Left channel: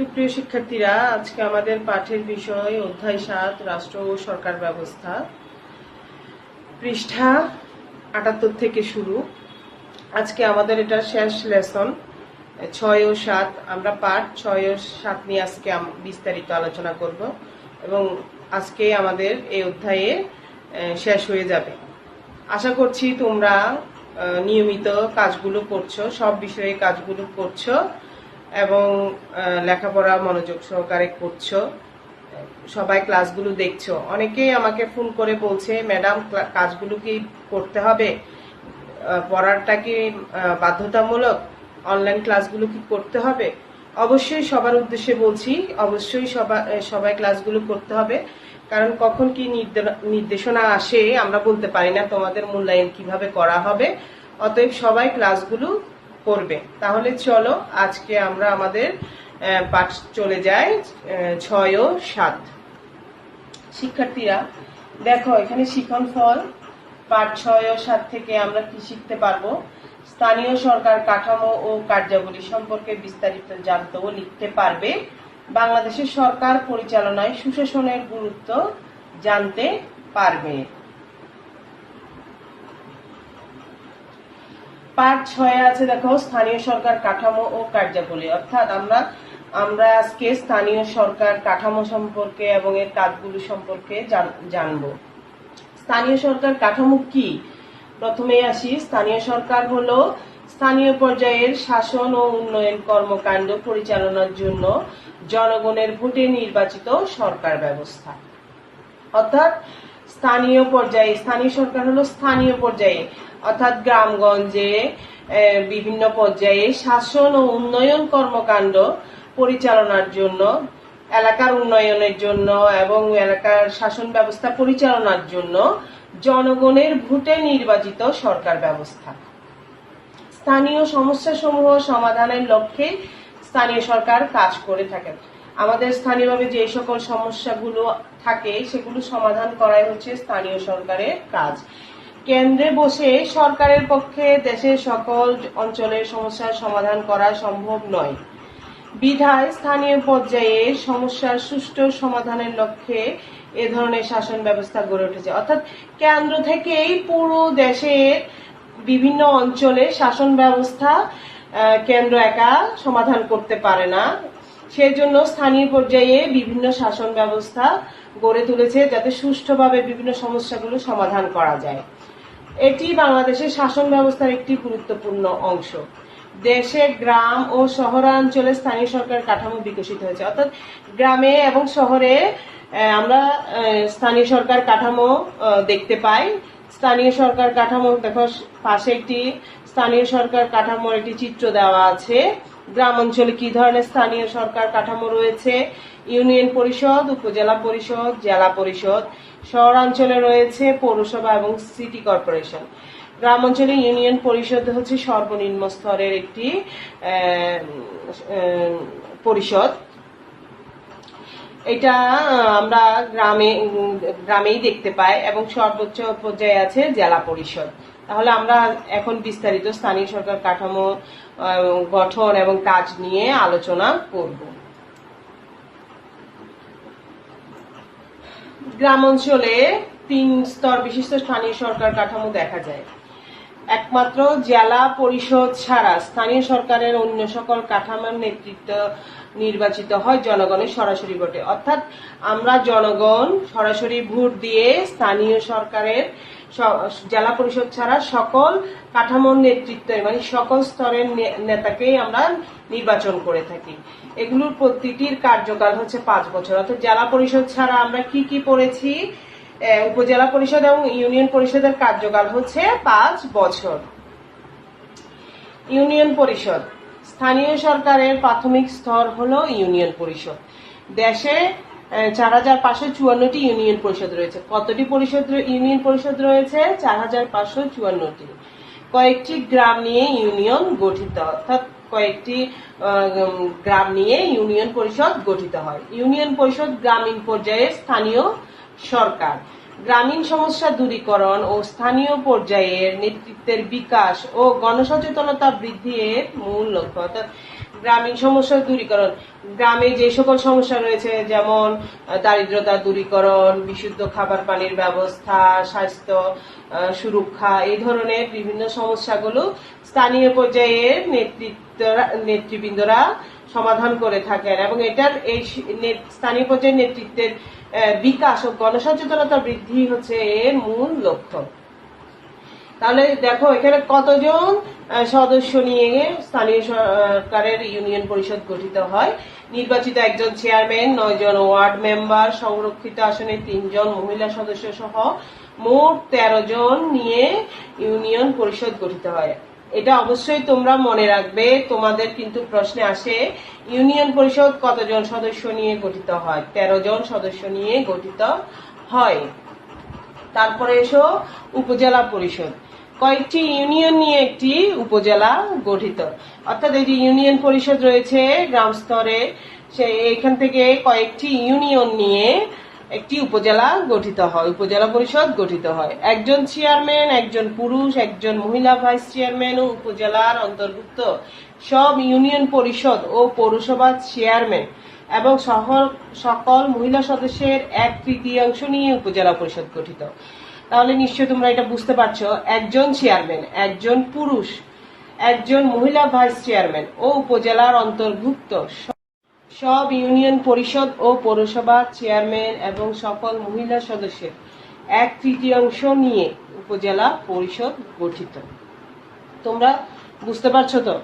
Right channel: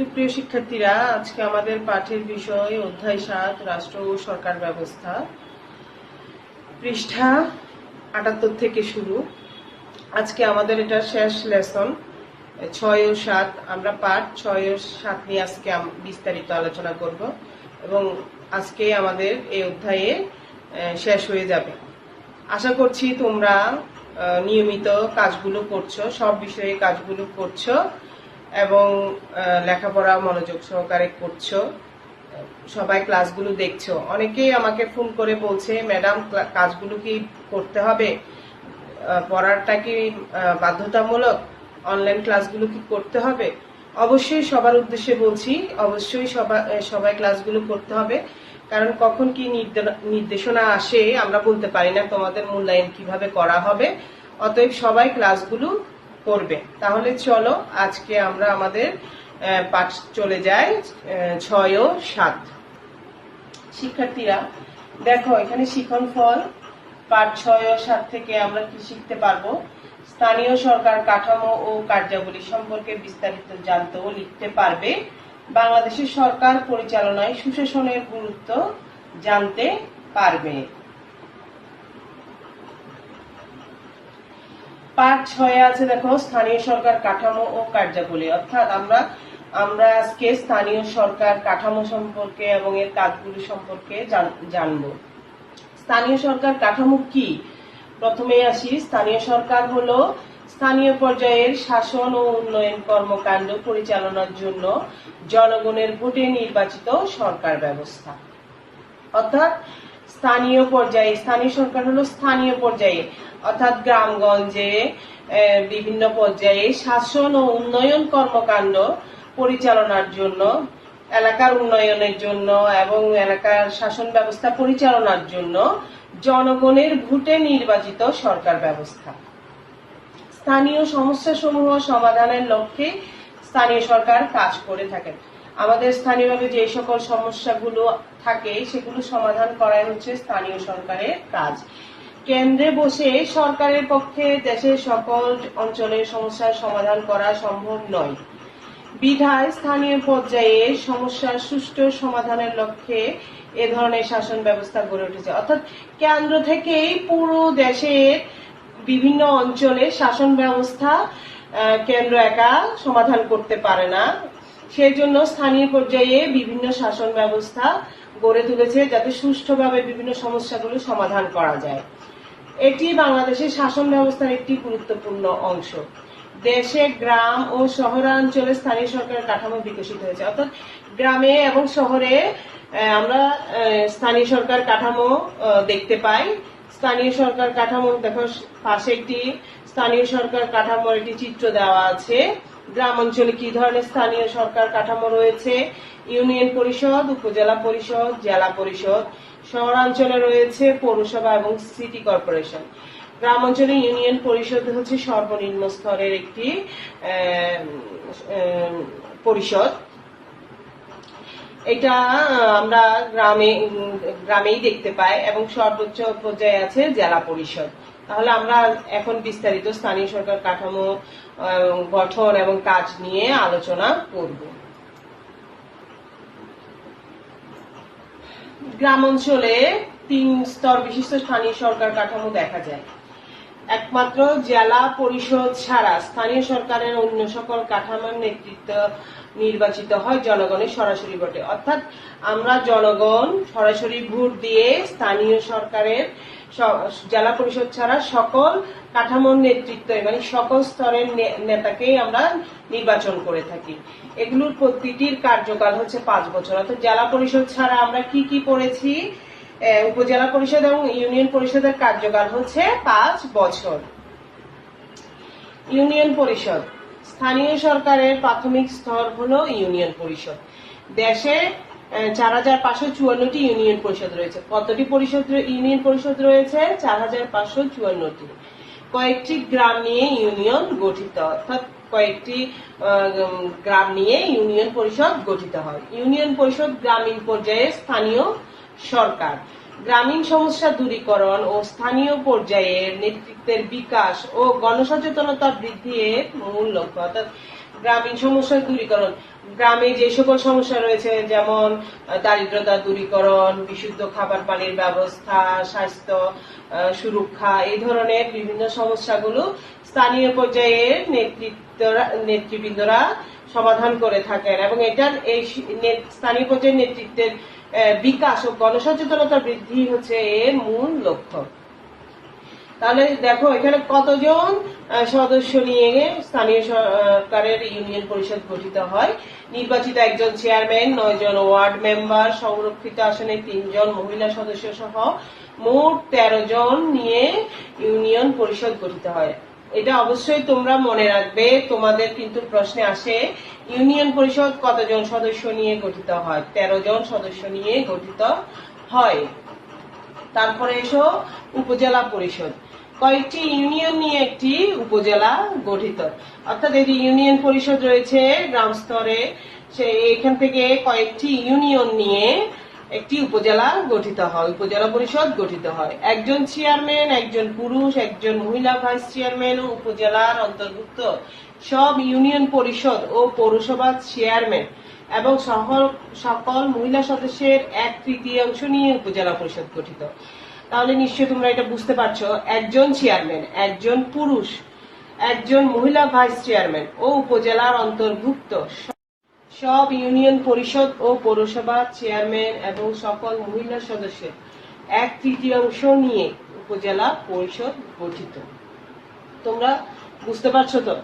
সুপ্রিয় শিক্ষার্থীরা, আজকে আমাদের পাঠের বিষয় অধ্যায় ৭ রাষ্ট্র ও সরকার ব্যবস্থা, পৃষ্ঠা ৭৮ থেকে শুরু। আজকে আমাদের এটা শেষ লেসন ৬ ও ৭। আমরা পাঠ ৬ ও ৭ নিয়ে আজকে বিস্তারিত আলোচনা করব এবং আজকেই আমাদের এই অধ্যায়ে শেষ হয়ে যাবে। আশা করছি তোমরা নিয়মিত কাজগুলো করছো, সব বিষয়ে কাজগুলো করছো এবং লেখাপড়া মনোযোগ সহকারে করছো, সবাই ক্লাসগুলো দেখছো। অনেকেই আমাকে ফোন করে বলছে, ম্যাডাম কাজগুলো কি করতে হবে, পড়াটা কি বাধ্যতামূলক, অনলাইন ক্লাসগুলো কি করতে হবে? অবশ্যই সবার উদ্দেশ্যে বলছি, অবশ্যই সবাই ক্লাসগুলো করতে হবে, কারণ কখন কি নির্দেশনা আসে আমরা বলতে পারি না, তোমাদের মূল্যায়ন কিভাবে করা হবে। অতএব সবাই ক্লাসগুলো করবে। তাহলে চলো আজকে আমরা আমাদের পাঠ চলে যাই ৬ ও ৭। শিক্ষার্থীরা দেখো, এখানে শিখন ফল পাঠ ৬ ও ৭ থেকে আমরা কি শিখতে পারবো? স্থানীয় সরকার কাঠামো ও কার্যাবলী সম্পর্কে বিস্তারিত জানতে ও লিখতে পারবে। বাংলাদেশের সরকার পরিচালনায় সুশাসনের গুরুত্ব জানতে পারবে। পার্ট ৬ আছে, দেখো স্থানীয় সরকার কাঠামো ও কার্যাবলী। অর্থাৎ আমরা আজকে স্থানীয় সরকার কাঠামো সম্পর্কে এবং এর কাজগুলো সম্পর্কে জানব। স্থানীয় সরকার কাঠামো কি? প্রথমে আসি। স্থানীয় সরকার হলো স্থানীয় পর্যায়ের শাসন ও উন্নয়ন কর্মকাণ্ড পরিচালনার জন্য জনগণের ভোটে নির্বাচিত সরকার ব্যবস্থা। অর্থাৎ স্থানীয় পর্যায়ে, স্থানীয় সরকার হলো স্থানীয় পর্যায়ে, অর্থাৎ গ্রামগঞ্জে বিভিন্ন পর্যায়ে শাসন ও উন্নয়ন কর্মকাণ্ড পরিচালনার জন্য, এলাকার উন্নয়নের জন্য এবং এলাকার শাসন ব্যবস্থা পরিচালনার জন্য জনগণের ভোটে নির্বাচিত সরকার ব্যবস্থা। স্থানীয় সমস্যাসমূহ সমাধানের লক্ষ্যে স্থানীয় সরকার কাজ করে থাকে। আমাদের স্থানীয়ভাবে যে সকল সমস্যাগুলো থাকে সেগুলো সমাধান করাই হচ্ছে স্থানীয় সরকারের কাজ। কেন্দ্রে বসে সরকারের পক্ষে দেশের সকল অঞ্চলের সমস্যার সমাধান করা সম্ভব নয়, বিধায় স্থানীয় পর্যায়ে সমস্যার সুষ্ঠু সমাধানের লক্ষ্যে এ ধরনের শাসন ব্যবস্থা গড়ে উঠেছে। অর্থাৎ কেন্দ্র থেকেই পুরো দেশের বিভিন্ন অঞ্চলে শাসন ব্যবস্থা কেন্দ্র একা সমাধান করতে পারে না, সেই জন্য স্থানীয় পর্যায়ে বিভিন্ন শাসন ব্যবস্থা গড়ে তুলেছে যাতে সুষ্ঠুভাবে বিভিন্ন সমস্যাগুলো সমাধান করা যায়। এটি বাংলাদেশের শাসন ব্যবস্থার একটি গুরুত্বপূর্ণ অংশ। দেশে গ্রাম ও শহরাঞ্চলে স্থানীয় সরকার কাঠামো বিকশিত হয়েছে। অর্থাৎ গ্রামে এবং শহরে আমরা স্থানীয় সরকার কাঠামো দেখতে পাই। স্থানীয় সরকার কাঠামো দেখো, পাশে একটি স্থানীয় সরকার কাঠামোর একটি চিত্র দেওয়া আছে। গ্রাম অঞ্চলে কি ধরনের স্থানীয় সরকার কাঠামো রয়েছে? ইউনিয়ন পরিষদ, উপজেলা পরিষদ, জেলা পরিষদ। শহরাঞ্চলে রয়েছে পৌরসভা এবং সিটি কর্পোরেশন। গ্রাম অঞ্চলে ইউনিয়ন পরিষদ হচ্ছে সর্বনিম্ন স্তরের একটি পরিষদ। এটা আমরা গ্রামেই দেখতে পাই এবং সর্বোচ্চ পর্যায়ে আছে জেলা পরিষদ। তাহলে আমরা এখন বিস্তারিত স্থানীয় সরকার কাঠামো গঠন এবং কাজ নিয়ে আলোচনা করব। গ্রাম অঞ্চলে ৩ স্তর বিশিষ্ট স্থানীয় সরকার কাঠামো দেখা যায়। একমাত্র জেলা পরিষদ ছাড়া স্থানীয় সরকারের অন্য সকল কাঠামোর নেতৃত্ব নির্বাচিত হয় জনগণের সরাসরি ভোটে। অর্থাৎ আমরা জনগণ সরাসরি ভোট দিয়ে স্থানীয় সরকারের জেলা পরিষদ ছাড়া সকল কাঠামোর নেতৃত্ব মানে সকল স্তরের নেতাকেই আমরা নির্বাচন করে থাকি। এগুলোর প্রতিটির কার্যকাল হচ্ছে ৫ বছর। অর্থাৎ জেলা পরিষদ ছাড়া আমরা কি কি পড়েছি? উপজেলা পরিষদ এবং ইউনিয়ন পরিষদের কার্যকাল হচ্ছে ৫ বছর। ইউনিয়ন পরিষদ স্থানীয় সরকারের প্রাথমিক স্তর হলো ইউনিয়ন পরিষদ। দেশে ৪৫৫৪টি ইউনিয়ন পরিষদ রয়েছে। কতটি ইউনিয়ন পরিষদ রয়েছে? ৪৫৫৪টি। কয়েকটি গ্রাম নিয়ে ইউনিয়ন গঠিত, অর্থাৎ কয়েকটি গ্রাম নিয়ে ইউনিয়ন পরিষদ গঠিত হয়। ইউনিয়ন পরিষদ গ্রামীণ পর্যায়ে স্থানীয় সরকার গ্রামীণ সমস্যা দূরীকরণ ও স্থানীয় পর্যায়ের নেতৃত্বের বিকাশ ও গণসচেতনতা বৃদ্ধির মূল লক্ষ্য। অর্থাৎ গ্রামীণ সমস্যার দূরীকরণ, গ্রামে যে সকল সমস্যা রয়েছে যেমন দারিদ্রতা দূরীকরণ, বিশুদ্ধ খাবার পানির ব্যবস্থা, স্বাস্থ্য সুরক্ষা, এই ধরনের বিভিন্ন সমস্যাগুলো স্থানীয় পর্যায়ে নেতৃবৃন্দরা সমাধান করে থাকেন এবং এটার এই স্থানীয় পর্যায়ে নেতৃত্বের বিকাশ ও গণসচেতনতা বৃদ্ধি হচ্ছে এর মূল লক্ষ্য। তাহলে দেখো এখানে কতজন সদস্য নিয়ে স্থানীয় সরকারের ইউনিয়ন পরিষদ গঠিত হয়। নির্বাচিত একজন চেয়ারম্যান, 9 জন ওয়ার্ড মেম্বার, সংরক্ষিত আসনে 3 জন মহিলা সদস্য সহ মোট 13 জন নিয়ে ইউনিয়ন পরিষদ গঠিত হয়। এটা অবশ্যই তোমরা মনে রাখবে, তোমাদের কিন্তু প্রশ্নে আসে ইউনিয়ন পরিষদ কতজন সদস্য নিয়ে গঠিত হয়। 13 জন সদস্য নিয়ে গঠিত হয়। তারপরে এসো উপজেলা পরিষদ। কয়েকটি ইউনিয়ন নিয়ে একটি উপজেলা গঠিত, অর্থাৎ এই যে ইউনিয়ন পরিষদ রয়েছে গ্রাম স্তরে, এখান থেকে কয়েকটি ইউনিয়ন নিয়ে একটি উপজেলা গঠিত হয়, উপজেলা পরিষদ গঠিত হয়। একজন চেয়ারম্যান, একজন পুরুষ, একজন মহিলা ভাইস চেয়ারম্যান ও উপজেলার অন্তর্ভুক্ত সব ইউনিয়ন পরিষদ ও পৌরসভার চেয়ারম্যান এবং সকল মহিলা সদস্যের 1/3 নিয়ে উপজেলা পরিষদ গঠিত। তাহলে নিশ্চয়ই তোমরা এটা বুঝতে পারছো, একজন চেয়ারম্যান, একজন পুরুষ, একজন মহিলা ভাইস চেয়ারম্যান ও উপজেলার অন্তর্ভুক্ত সব ইউনিয়ন পরিষদ ও পৌরসভার চেয়ারম্যান এবং সকল মহিলা সদস্যের 1/3 নিয়ে উপজেলা পরিষদ গঠিত। তোমরা বুঝতে পারছো তো?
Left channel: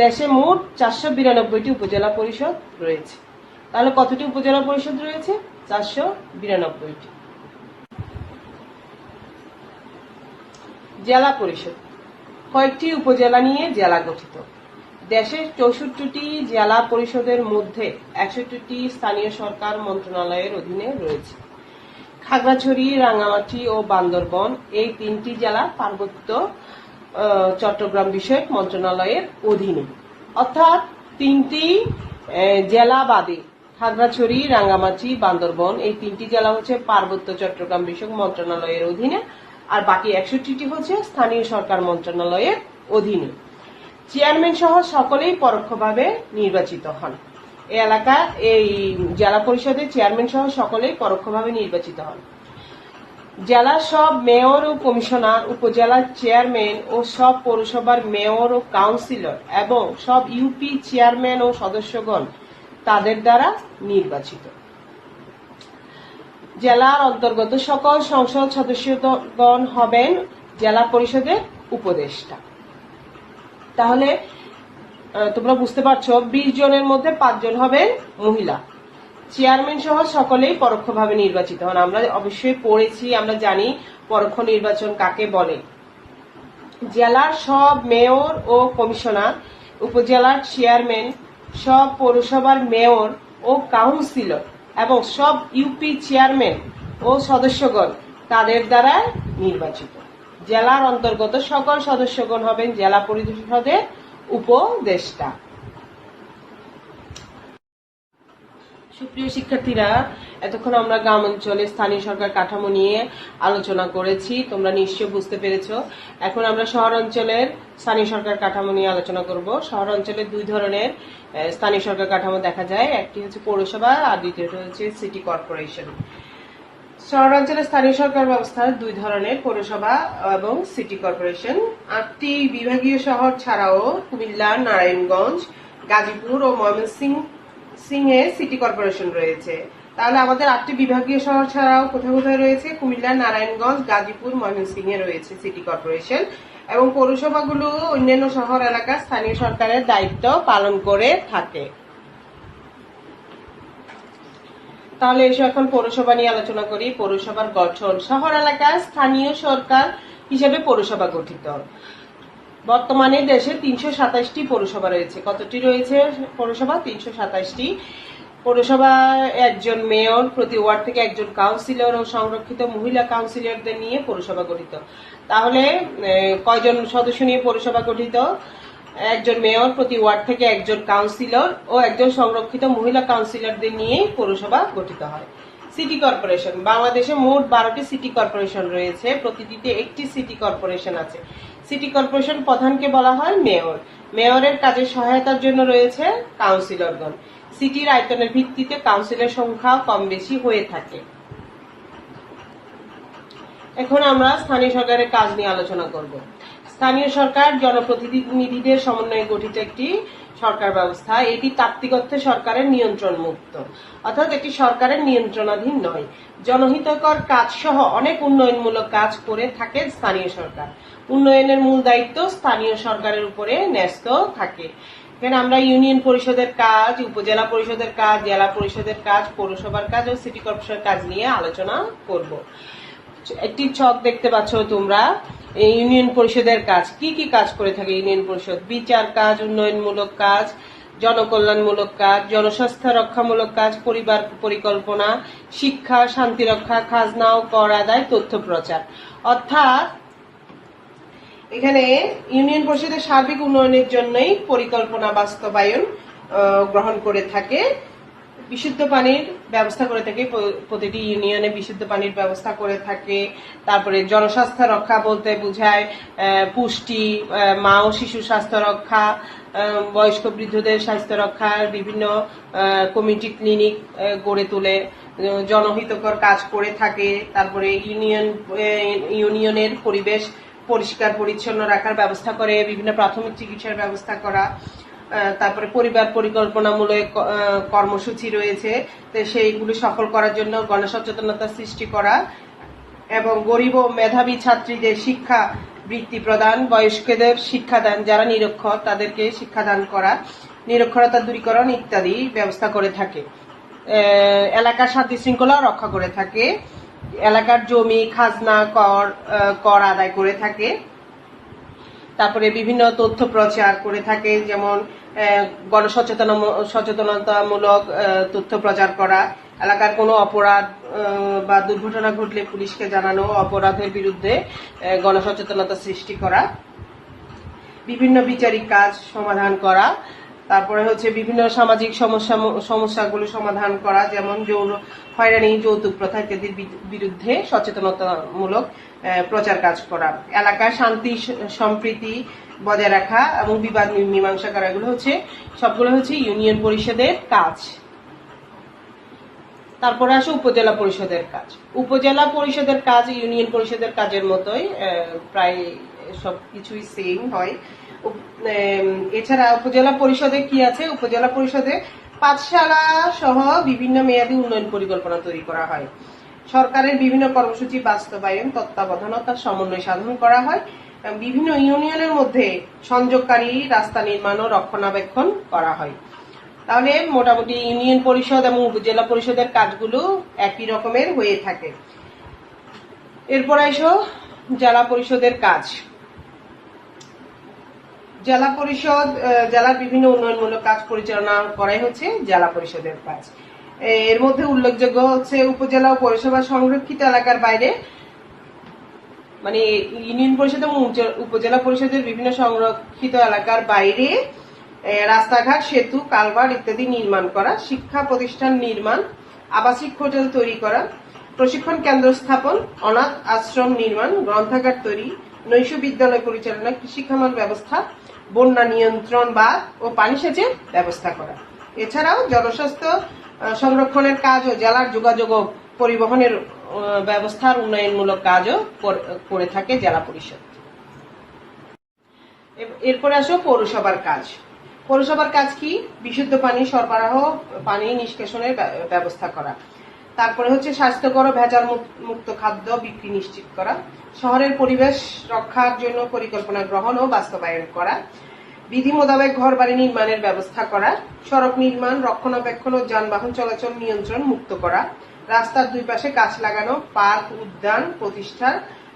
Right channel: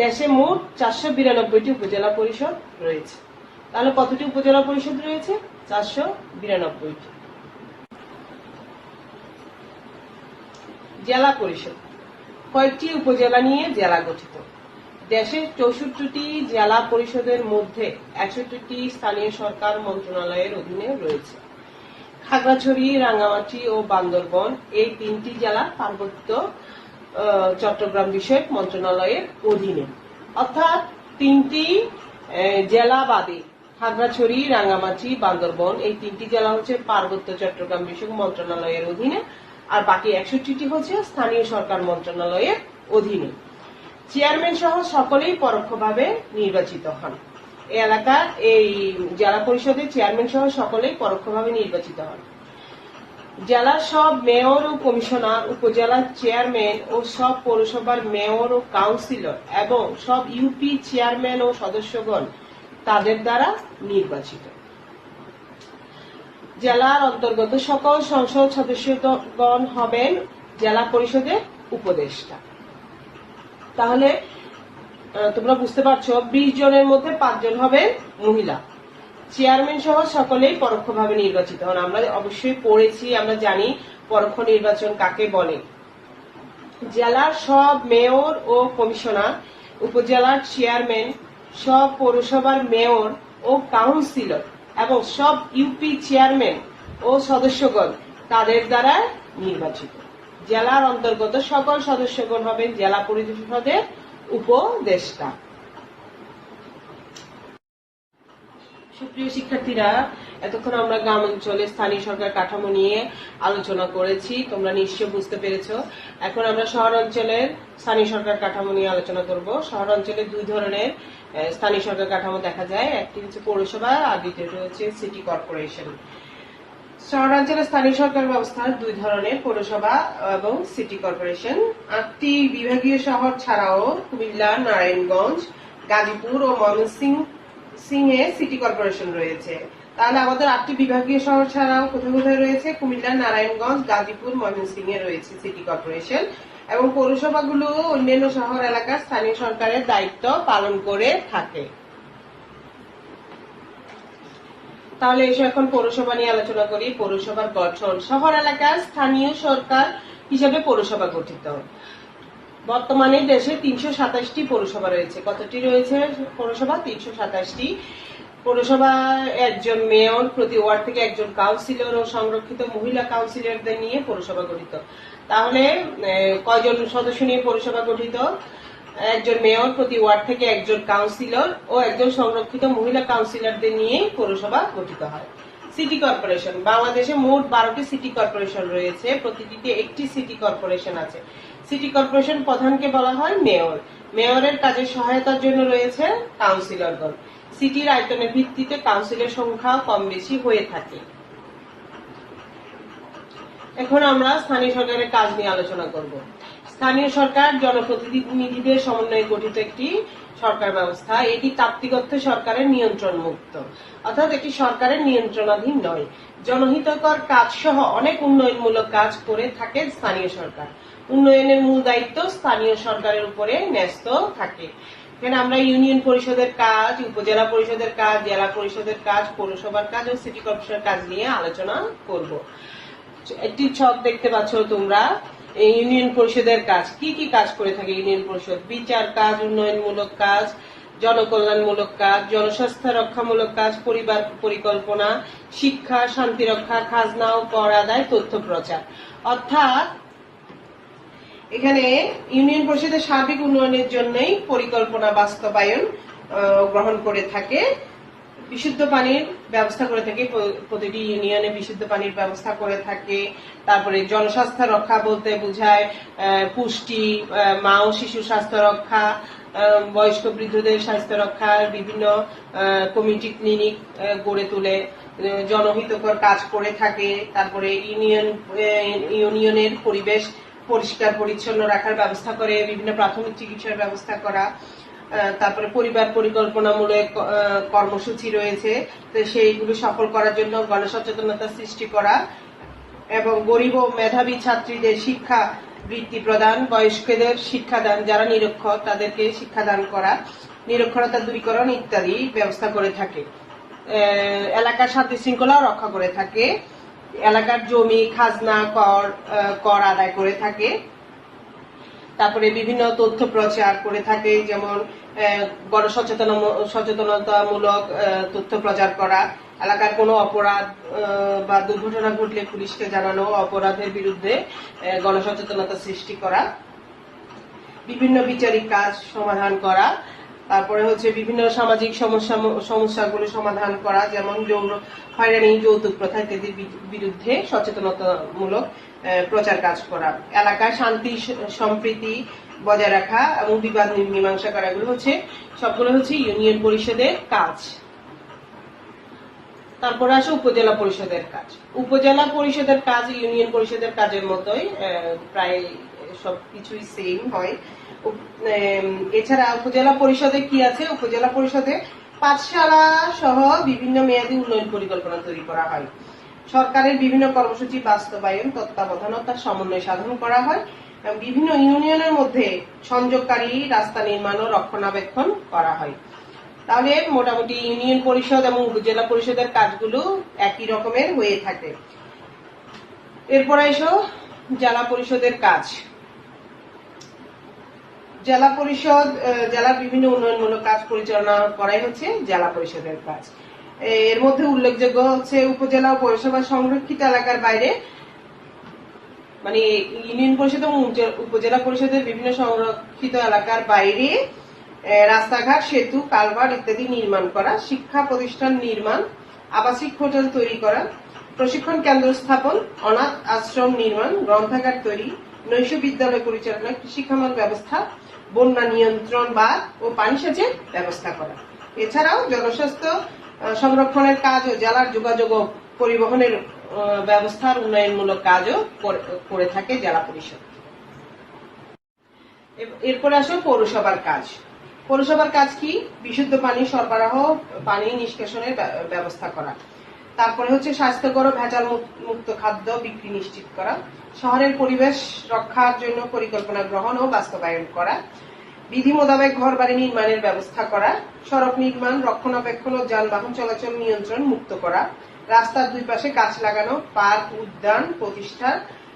দেশে মোট 492টি উপজেলা পরিষদ রয়েছে। তাহলে কতটি উপজেলা পরিষদ রয়েছে? 492টি। জেলা পরিষদ কয়েকটি উপজেলা নিয়ে জেলা গঠিত। দেশের 64টি জেলা পরিষদের মধ্যে 61টি স্থানীয় সরকার মন্ত্রণালয়ের অধীনে রয়েছে। খাগড়াছড়ি, রাঙ্গামাটি ও বান্দরবন এই 3টি জেলা পার্বত্য চট্টগ্রাম বিষয়ক মন্ত্রণালয়ের অধীনে, অর্থাৎ 3টি জেলা বাদে খাগড়াছড়ি, রাঙ্গামাটি, বান্দরবন এই 3টি জেলা হচ্ছে পার্বত্য চট্টগ্রাম বিষয়ক মন্ত্রণালয়ের অধীনে, আর বাকি 61টি হচ্ছে স্থানীয় সরকার মন্ত্রণালয়ের অধীনে। চেয়ারম্যান সহ সকলেই পরোক্ষভাবে নির্বাচিত হন। এই এলাকার এই জেলা পরিষদের চেয়ারম্যান সহ সকলেই পরোক্ষভাবে নির্বাচিত হন। জেলার সব মেয়র ও কমিশনার, উপজেলার চেয়ারম্যান ও সব পৌরসভার মেয়র ও কাউন্সিলর এবং সব ইউপি চেয়ারম্যান ও সদস্যগণ তাদের দ্বারা নির্বাচিত। জেলার অন্তর্গত সকল সংসদ সদস্যগণ হবেন জেলা পরিষদের উপদেষ্টা। তাহলে তোমরা বুঝতে পারছো 20 জনের মধ্যে 5 জন হবেন মহিলা। চেয়ারম্যান সহ সকলেই পরোক্ষভাবে নির্বাচিত হন। আমরা অবশ্যই পড়েছি, আমরা জানি পরোক্ষ নির্বাচন কাকে বলে। জেলার সব মেয়র ও কমিশনার, উপজেলার চেয়ারম্যান, সব পৌরসভার মেয়র ও কাউন্সিলর এবং সব ইউপি চেয়ারম্যান ও সদস্যগণ তাদের দ্বারা নির্বাচিত। জেলার অন্তর্গত সকল সদস্যগণ হবেন জেলা পরিষদের উপদেষ্টা। সুপ্রিয় শিক্ষার্থীরা, এতক্ষণ আমরা গ্রাম অঞ্চলে স্থানীয় সরকার কাঠামো নিয়ে আলোচনা করেছি, তোমরা নিশ্চয় বুঝতে পেরেছো। এখন আমরা শহর অঞ্চলের স্থানীয় সরকার কাঠামো নিয়ে আলোচনা করব। শহর অঞ্চলে 2 ধরনের স্থানীয় সরকার কাঠামো দেখা যায়, একটি হচ্ছে পৌরসভা আর দ্বিতীয়টি হচ্ছে সিটি কর্পোরেশন। শহরাঞ্চলে স্থানীয় সরকার ব্যবস্থা 2 ধরনের, পৌরসভা এবং সিটি কর্পোরেশন। 8টি বিভাগীয় শহর ছাড়াও কুমিল্লা, নারায়ণগঞ্জ, গাজীপুর ও ময়মনসিংহে সিটি কর্পোরেশন রয়েছে। তাহলে আমাদের 8টি বিভাগীয় শহর ছাড়াও কোথায় কোথায় রয়েছে? কুমিল্লা, নারায়ণগঞ্জ, গাজীপুর, ময়মনসিংহে রয়েছে সিটি কর্পোরেশন। এবং পৌরসভাগুলো অন্যান্য শহর এলাকার স্থানীয় সরকারের দায়িত্ব পালন করে থাকে। তাহলে এসো এখন পৌরসভা নিয়ে আলোচনা করি। পৌরসভার গঠন। শহর এলাকার স্থানীয় সরকার হিসেবে পৌরসভা গঠিত। বর্তমানে দেশে 327টি পৌরসভা রয়েছে। কতটি রয়েছে পৌরসভা? 327টি। পৌরসভা একজন মেয়র, প্রতি ওয়ার্ড থেকে একজন কাউন্সিলর ও সংরক্ষিত মহিলা কাউন্সিলরদের নিয়ে পৌরসভা গঠিত। তাহলে কয়জন সদস্য নিয়ে পৌরসভা গঠিত? একজন মেয়র, প্রতি ওয়ার্ড থেকে একজন কাউন্সিলর ও একজন সংরক্ষিত মহিলা কাউন্সিলরদের নিয়ে পৌরসভা গঠিত হয়। City corporation. বাংলাদেশে মোট 12টি সিটি কর্পোরেশন রয়েছে, প্রতিটিতে একটি সিটি কর্পোরেশন আছে। সিটি কর্পোরেশন প্রধানকে বলা হয় মেয়র। মেয়রের কাজে সহায়তার জন্য রয়েছে কাউন্সিলরগণ। সিটির আয়তনের ভিত্তিতে কাউন্সিলের সংখ্যা কম বেশি হয়ে থাকে। এখন আমরা স্থানীয় সরকারের কাজ নিয়ে আলোচনা করব। স্থানীয় সরকার জনপ্রতিনিধিদের সমন্বয়ে গঠিত একটি সরকার ব্যবস্থা। এটি তাত্ত্বিক অর্থে সরকারের নিয়ন্ত্রণ মুক্ত, অর্থাৎ একটি সরকারের নিয়ন্ত্রণাধীন নয়। জনহিতকর কাজ সহ অনেক উন্নয়নমূলক কাজ করে থাকে স্থানীয় সরকার। উন্নয়নের মূল দায়িত্ব স্থানীয় সরকারের উপরে ন্যস্ত থাকে। এখানে আমরা ইউনিয়ন পরিষদের কাজ, উপজেলা পরিষদের কাজ, জেলা পরিষদের কাজ, পৌরসভার কাজ ও সিটি কর্পোরেশনের কাজ নিয়ে আলোচনা করব। একটি ছক দেখতে পাচ্ছ তোমরা। ইউনিয়ন পরিষদের কাজ কি কি কাজ করে থাকে ইউনিয়ন পরিষদ? বিচার কাজ, উন্নয়নমূলক কাজ, জনকল্যাণমূলক কাজ, জনস্বাস্থ্য রক্ষামূলক কাজ, পরিবার পরিকল্পনা, শিক্ষা, শান্তি রক্ষা, খাজনা ও কর আদায়, তথ্য প্রচার। অর্থাৎ এখানে ইউনিয়ন পরিষদের সার্বিক উন্নয়নের জন্যই পরিকল্পনা বাস্তবায়ন গ্রহণ করে থাকে। বিশুদ্ধ পানির ব্যবস্থা করে থাকে, প্রতিটি ইউনিয়নে বিশুদ্ধ পানির ব্যবস্থা করে থাকে। তারপরে জনস্বাস্থ্য রক্ষা বলতে বোঝায় পুষ্টি, মা ও শিশু স্বাস্থ্য রক্ষা, বয়স্ক বৃদ্ধদের স্বাস্থ্য রক্ষা, বিভিন্ন কমিউনিটি ক্লিনিক গড়ে তুলে জনহিতকর কাজ করে থাকে। তারপরে ইউনিয়নের পরিবেশ পরিষ্কার পরিচ্ছন্ন রাখার ব্যবস্থা করে, বিভিন্ন প্রাথমিক চিকিৎসার ব্যবস্থা করা। তারপরে পরিবার পরিকল্পনামূলক কর্মসূচি রয়েছে, তো সেইগুলি সফল করার জন্য গণসচেতনতা সৃষ্টি করা এবং গরিব ও মেধাবী ছাত্রীদের শিক্ষা বৃত্তি প্রদান, বয়স্কদের শিক্ষাদান, যারা নিরক্ষর তাদেরকে শিক্ষাদান করা, নিরক্ষরতা দূরীকরণ ইত্যাদি ব্যবস্থা করে থাকে। এলাকার শান্তি শৃঙ্খলা রক্ষা করে থাকে, এলাকার জমি খাজনা কর আদায় করে থাকে। তারপরে বিভিন্ন তথ্য প্রচার করে থাকে, যেমন গণসচেতনতামূলক তথ্য প্রচার করা, এলাকার কোনো অপরাধ বা দুর্ঘটনা ঘটলে পুলিশকে জানানো, অপরাধের বিরুদ্ধে গণসচেতনতা সৃষ্টি করা, বিভিন্ন বিচারিক কাজ সমাধান করা। তারপরে হচ্ছে বিভিন্ন সামাজিক সমস্যাগুলো সমাধান করা, যেমন যৌন হয়রানি, যৌতুক প্রথা ইত্যাদির বিরুদ্ধে সচেতনতামূলক প্রচার কাজ করা, এলাকার শান্তি সম্প্রীতি বজায় রাখা এবং বিবাদ মীমাংসা করা। সবগুলো হচ্ছে ইউনিয়ন পরিষদের কাজ। তারপরে আসে উপজেলা পরিষদের কাজ। উপজেলা পরিষদের কাজ ইউনিয়ন পরিষদের কাজের মতোই, প্রায় সবকিছুই সেম হয়। এছাড়া উপজেলা পরিষদে কি আছে? উপজেলা পরিষদে পাঠশালা সহ বিভিন্ন মেয়াদী উন্নয়ন পরিকল্পনা তৈরি করা হয়। সরকারের বিভিন্ন কর্মসূচি বাস্তবায়ন, তত্ত্বাবধানতা, সমন্বয় সাধন করা হয়। বিভিন্ন ইউনিয়নের মধ্যে সংযোগকারী রাস্তা নির্মাণ ও রক্ষণাবেক্ষণ করা হয়। তাহলে মোটামুটি ইউনিয়ন পরিষদ এবং উপজেলা পরিষদের কাজগুলো একই রকমের হয়ে থাকে। এরপর এসো জেলা পরিষদের কাজ। জেলা পরিষদ জেলার বিভিন্ন উন্নয়নমূলক কাজ পরিচালনা করাই হচ্ছে জেলা পরিষদের কাজ। এর মধ্যে উল্লেখযোগ্য হচ্ছে উপজেলা ও পৌরসভা সংরক্ষিত এলাকার বাইরে, মানে ইউনিয়ন পরিষদ এবং উপজেলা পরিষদের বিভিন্ন সংরক্ষিত এলাকার বাইরে রাস্তাঘাট, সেতু, কালভার্ট ইত্যাদি নির্মাণ করা, শিক্ষা প্রতিষ্ঠান নির্মাণ, আবাসিক হোটেল তৈরি করা, প্রশিক্ষণ কেন্দ্র স্থাপন, অনাথ আশ্রম নির্মাণ, গ্রন্থাগার তৈরি, নৈশ বিদ্যালয় পরিচালনা, কৃষিখামার ব্যবস্থা, বন্যা নিয়ন্ত্রণ বাঁধ ও পানি সেচের ব্যবস্থা করা। এছাড়াও জনস্বাস্থ্য সংরক্ষণের কাজ ও জেলার যোগাযোগ ও পরিবহনের ব্যবস্থার উন্নয়নমূলক কাজও করে থাকে জেলা পরিষদ। এরপরে আসো পৌরসভার কাজ। পৌরসভার কাজ কি? বিশুদ্ধ পানি সরবরাহ, পানি নিষ্কাশনের ব্যবস্থা করা। তারপরে হচ্ছে স্বাস্থ্যকর ও ভেজাল মুক্ত খাদ্য বিক্রি নিশ্চিত করা, শহরের পরিবেশ রক্ষার জন্য পরিকল্পনা গ্রহণ ও বাস্তবায়ন করা, বিধি মোতাবেক ঘর বাড়ি নির্মাণের ব্যবস্থা করা, সড়ক নির্মাণ, রক্ষণাবেক্ষণ ও যানবাহন চলাচল নিয়ন্ত্রণ মুক্ত করা, রাস্তার দুই পাশে গাছ লাগানো, পার্ক, উদ্যান প্রতিষ্ঠা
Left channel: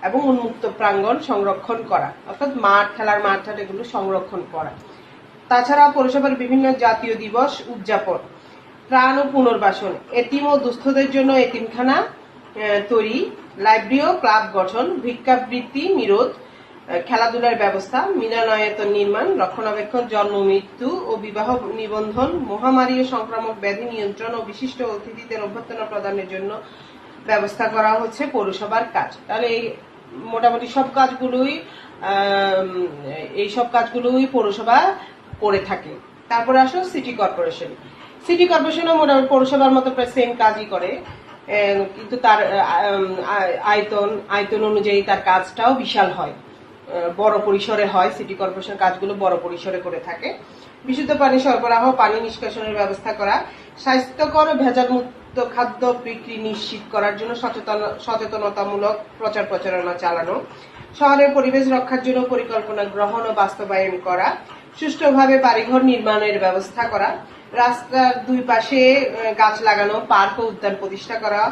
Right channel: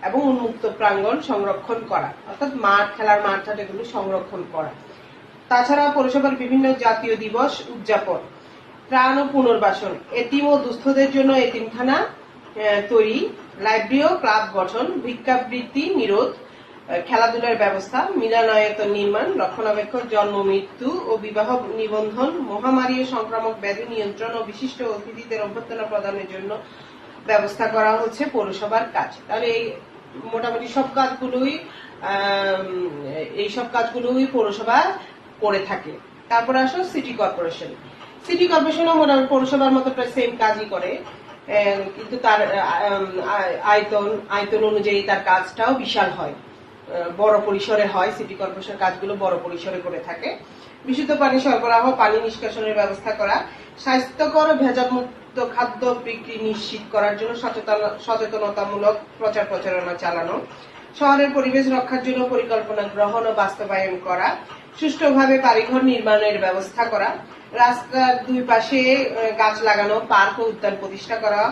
এবং উন্মুক্ত প্রাঙ্গণ সংরক্ষণ করা, অর্থাৎ মাঠ, খেলার মাঠ এগুলো সংরক্ষণ করা। তাছাড়া পৌরসভার বিভিন্ন জাতীয় দিবস উদযাপন, ত্রাণ ও পুনর্বাসন, এতিম ও দুস্থদের জন্য এতিমখানা তৈরি, লাইব্রেরি ও ক্লাব গঠন, ভিক্ষাবৃত্তি নিরোধ, খেলাধুলার ব্যবস্থা, মিলনায়তন নির্মাণ, রক্ষণাবেক্ষণ, জন্ম মৃত্যু ও বিবাহ নিবন্ধন, মহামারী ও সংক্রামক ব্যাধি নিয়ন্ত্রণ ও বিশিষ্ট অতিথিদের অভ্যর্থনা প্রদানের জন্য ব্যবস্থা করা হচ্ছে পৌরসভার কাজ। তাহলে এই মোটামুটি সব কাজগুলোই এইসব কাজগুলোই পৌরসভা করে থাকে। তারপরে আসো সিটি কর্পোরেশন। সিটি কর্পোরেশনও মোটামুটি পৌরসভার মতো প্রায় সেম কাজই করে, কিন্তু তার আয়তন অনুযায়ী তার কাজটাও বিশাল হয়, বড় পরিসরে হয়। সিটি কর্পোরেশন কাজগুলো বড় পরিসরে করে থাকে। বিশুদ্ধ পানি সরবরাহ, পানি নিষ্কাশনের ব্যবস্থা করা, স্বাস্থ্যকর ও ভেজাল মুক্ত খাদ্য বিক্রি নিশ্চিত করার জন্য সচেতনতামূলক প্রচার প্রচারণা চালানো, শহরের পরিবেশ রক্ষার জন্য পরিকল্পনা গ্রহণ ও বাস্তবায়ন করা, সুষ্ঠুভাবে বাড়িঘর নির্মাণের ব্যবস্থা করা, রাস্তার দুই পাশে গাছ লাগানো, পার্ক ও উদ্যান প্রতিষ্ঠা করা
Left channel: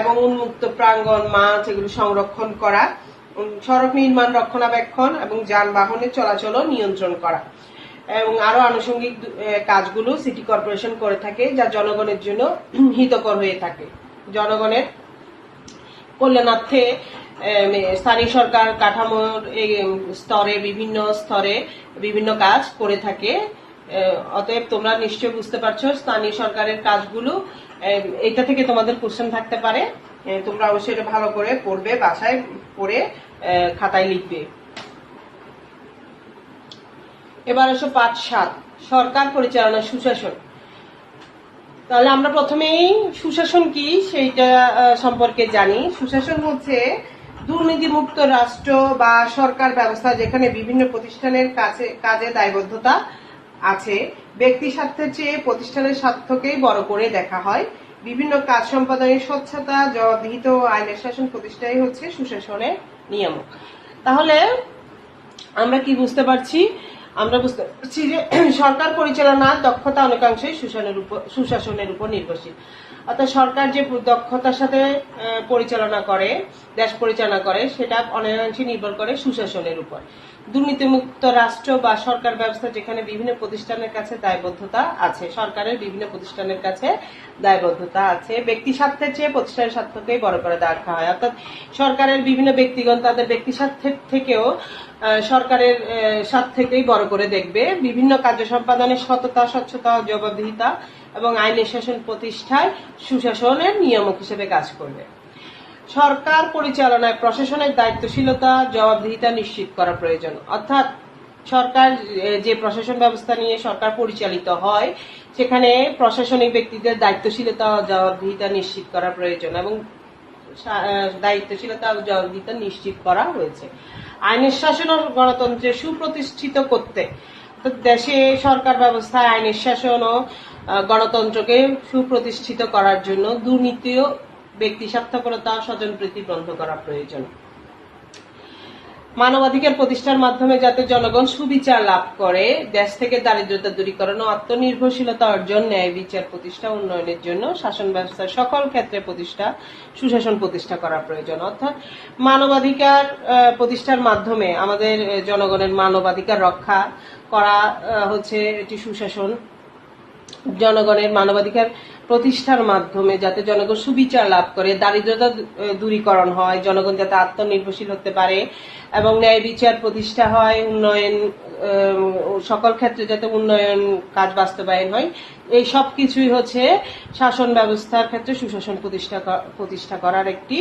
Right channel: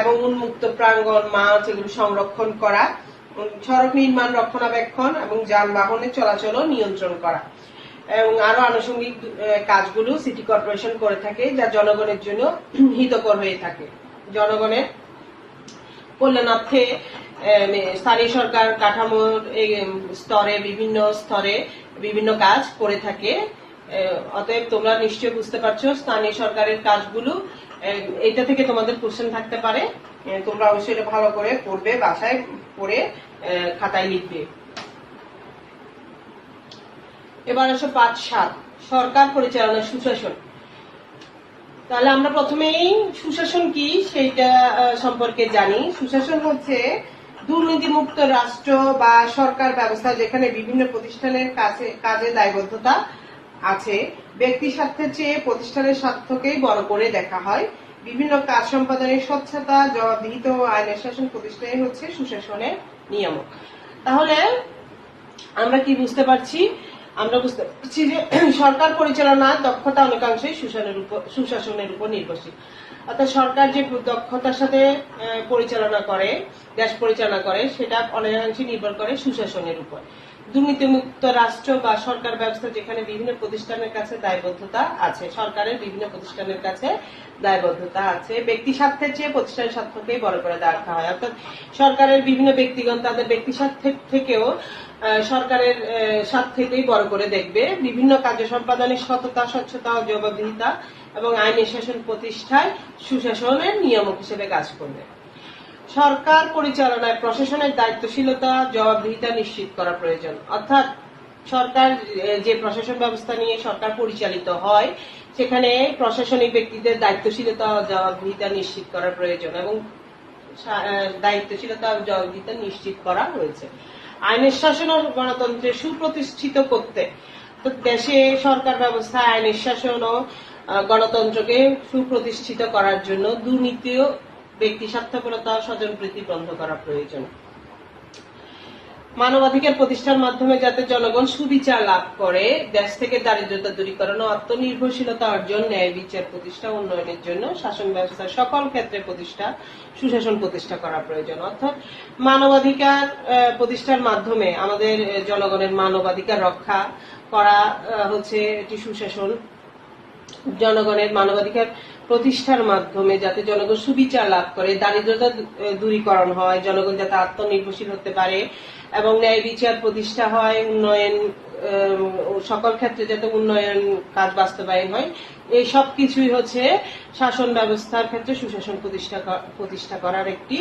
এবং উন্মুক্ত প্রাঙ্গণ, মাঠ এগুলো সংরক্ষণ করা, সড়ক নির্মাণ, রক্ষণাবেক্ষণ এবং যানবাহনের চলাচল নিয়ন্ত্রণ করা এবং আরো আনুষঙ্গিক কাজগুলো সিটি কর্পোরেশন করে থাকে, যা জনগণের জন্য হিতকর হয়ে থাকে। জনগণের কল্যাণার্থে স্থানীয় সরকার কাঠামোর স্তরে বিভিন্ন কাজ করে থাকে। অতএব তোমরা নিশ্চয়ই বুঝতে পারছো স্থানীয় সরকারের কাজগুলো। এটা থেকে তোমাদের কোশ্চেন থাকতে পারে, তোমরা অবশ্যই এটা ভালো করে পড়বে, বাসায় পড়ে খাতায় লিখবে। এবার আসো পাঠ 7, সরকার পরিচালনা সুশাসন। তাহলে আমরা প্রথমেই সুশাসন কি সেইটা সম্পর্কে জানি। সুশাসন হচ্ছে দুর্নীতিমুক্ত রাষ্ট্র বা সরকার ব্যবস্থা যেখানে বিভিন্ন প্রতিষ্ঠানের কাজে দায়বদ্ধতা আছে, ব্যক্তি স্বার্থের চেয়ে প্রতিষ্ঠানের স্বার্থকেই বড় করে দেখা হয়। বিভিন্ন কাজ সম্পাদনের স্বচ্ছতা, জবাবদিহিত ও আইনের শাসন প্রতিষ্ঠাই হচ্ছে সুশাসনের নিয়ম। তাহলে আমরা কি বুঝতে পারছি? আমরা বুঝতে পারছি যে সরকার পরিচালনার দক্ষতা অনেকাংশেই সুশাসনের উপর নির্ভরশীল। অর্থাৎ সরকার যে দক্ষতার সাথে পরিচালনা করে, দেশ পরিচালনা করে, সেটা অনেকাংশে নির্ভর করে সুশাসনের উপর। দুর্নীতিমুক্ত রাষ্ট্র বা সরকার ব্যবস্থা যেখানে বিভিন্ন প্রতিষ্ঠানের কাছে দায়বদ্ধতা আছে, সরকারের বিভিন্ন প্রতিষ্ঠানের কাছে দায়বদ্ধতা আছে, ব্যক্তি স্বার্থের চেয়ে প্রতিষ্ঠানের স্বার্থকেই বড় করে দেখা হয়। অর্থাৎ সরকারের বিভিন্ন ব্যক্তিগণ তাদের ব্যক্তি স্বার্থের থেকেও সরকারের স্বার্থকেই বড় করে দেখবে। বিভিন্ন কার্য সম্পাদনের সততা, স্বচ্ছতা ও জবাবদিহিতা এবং আইনের শাসন প্রতিষ্ঠায় সুশাসনের নিয়ামক হিসেবে কাজ করবে। সরকার পরিচালনায় প্রশাসনের দায়িত্বশীলতা, জবাবদিহিতা নিশ্চিত করা প্রয়োজন। অর্থাৎ সরকার যে প্রশাসন ব্যবস্থা নিয়ে সরকার পরিচালিত হয়, সেখানে প্রশাসনিক ব্যক্তিদের দায়িত্বশীলতা ও জবাবদিহিতা নিশ্চিত করা প্রয়োজন এবং দায়িত্বশীলতা ও জবাবদিহিতা নিশ্চিত করা হয়েছে। আইনের শাসন ও গণতন্ত্রে সুপ্রতিষ্ঠিত করতে দেশে সরকার ব্যবস্থায় আইনের শাসন ও গণতন্ত্রকে সুপ্রতিষ্ঠিত করার জন্য দুর্নীতি ও ব্যক্তি স্বার্থপরতা ও স্বজনপ্রীতি বন্ধ করা প্রয়োজন। মানবাধিকার প্রতিষ্ঠার মাধ্যমে যাতে জনগণ সুবিচার লাভ করে, দেশ থেকে দারিদ্রতা দূরীকরণ ও আত্মনির্ভরশীলতা অর্জন, ন্যায় বিচার প্রতিষ্ঠা উন্নয়নের জন্য শাসন ব্যবস্থার সকল ক্ষেত্রে সুশাসন প্রতিষ্ঠা করা প্রয়োজন। অর্থাৎ মানবাধিকার প্রতিষ্ঠার মাধ্যমে আমাদের জনগণের মানবাধিকার রক্ষা করা হচ্ছে এটি সুশাসন। জনগণের মানবাধিকার প্রতিষ্ঠার মাধ্যমে যাতে জনগণ সুবিচার লাভ করে, দারিদ্রতা দূরীকরণ হয়, জনগণ যাতে আত্মনির্ভরশীল হতে পারে এবং ন্যায় বিচার প্রতিষ্ঠা হয়, উন্নয়ন সকল ক্ষেত্রে যাতে উন্নয়ন কাজ বাস্তবায়ন হয়, এই সব কিছুই হচ্ছে শাসন ব্যবস্থার ক্ষেত্রে সুশাসন প্রতিষ্ঠা করার একটি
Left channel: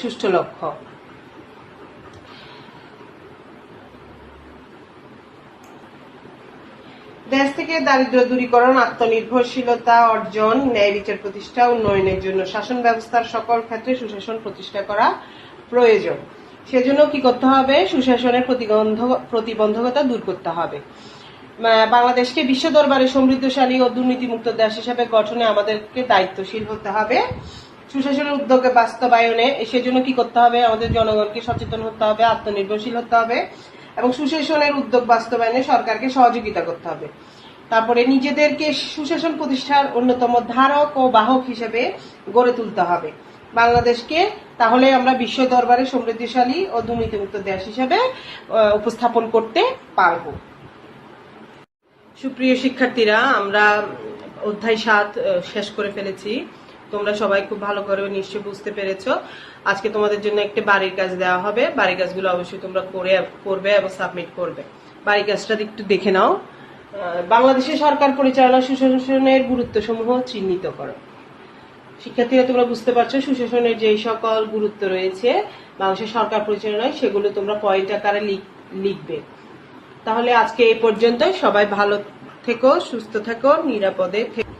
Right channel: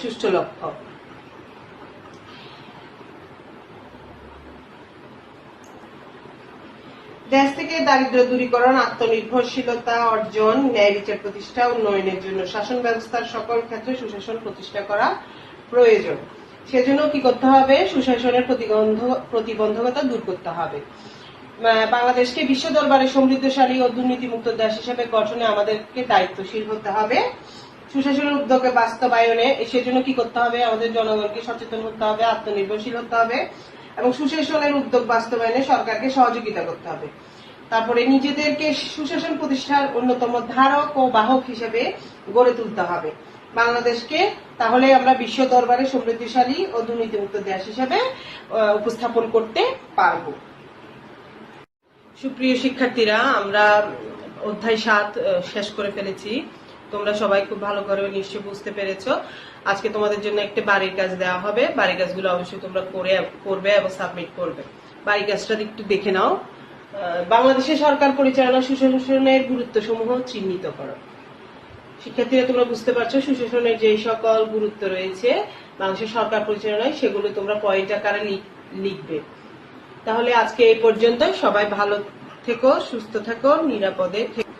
সুষ্ঠু লক্ষ্য। দেশ থেকে দারিদ্র দূরীকরণ, আত্মনির্ভরশীলতা অর্জন, ন্যায় বিচার প্রতিষ্ঠা উন্নয়নের জন্য শাসন ব্যবস্থার সকল ক্ষেত্রে সুশাসন প্রতিষ্ঠা করা প্রয়োজন। সেজন্য কি করতে হবে? সুশাসনের প্রতিবন্ধকতা দূর করতে হবে। বাংলাদেশকে বিশ্ব দরবারে সমৃদ্ধশালী ও দুর্নীতিমুক্ত দেশ হিসেবে গঠনে আমাদেরকে দায়িত্বশীল হতে হবে। সুশাসন উদ্যোগে বাস্তবায়নে সেজন্য কি করতে হবে? আমাদের জনগণকে সচেতন হতে হবে, আত্মনির্ভরশীল হতে হবে এবং সুশাসনের উদ্যোগ বাস্তবায়নে সরকারকে সহযোগিতা করতে হবে। তারপরে নিজেদেরকে সুশাসন প্রতিষ্ঠার অন্যতম ধারক ও বাহক হিসেবে গড়ে তুলতে হবে বাংলাদেশকে। তাহলে আমরা বিশ্ব দরবারে সমৃদ্ধশালী ও দুর্নীতিমুক্ত দেশ হিসেবে উপস্থাপন করতে পারব। সুপ্রিয় শিক্ষার্থীরা, আমরা অধ্যায় 7 শেষ করে ফেলেছি। তোমরা সবাই খুব ভালো করে নিশ্চয়ই বুঝতে পেরেছ। আজকে তোমাদের জন্য একটা বাড়ির কাজ দেওয়া হবে। বাড়ির কাজগুলো অবশ্যই তোমরা করবে এবং সাবমিট করবে। বাড়ির কাজটা একটু দেখে নাও। বাংলাদেশের সরকার পরিচালনা সুশাসনের গুরুত্বসমূহ চিহ্নিত করো। শিক্ষার্থীরা তোমরা বুঝতে পারছো সুশাসনের যে সকল গুরুত্ব রয়েছে বাংলাদেশের সরকার পরিচালনায়, সেগুলো তোমরা পয়েন্ট আকারে লিখবে। তাহলে আজকে এই পর্যন্ত। সবাই ভালো থেকো, সুস্থ থেকো, নিরাপদে থেকো।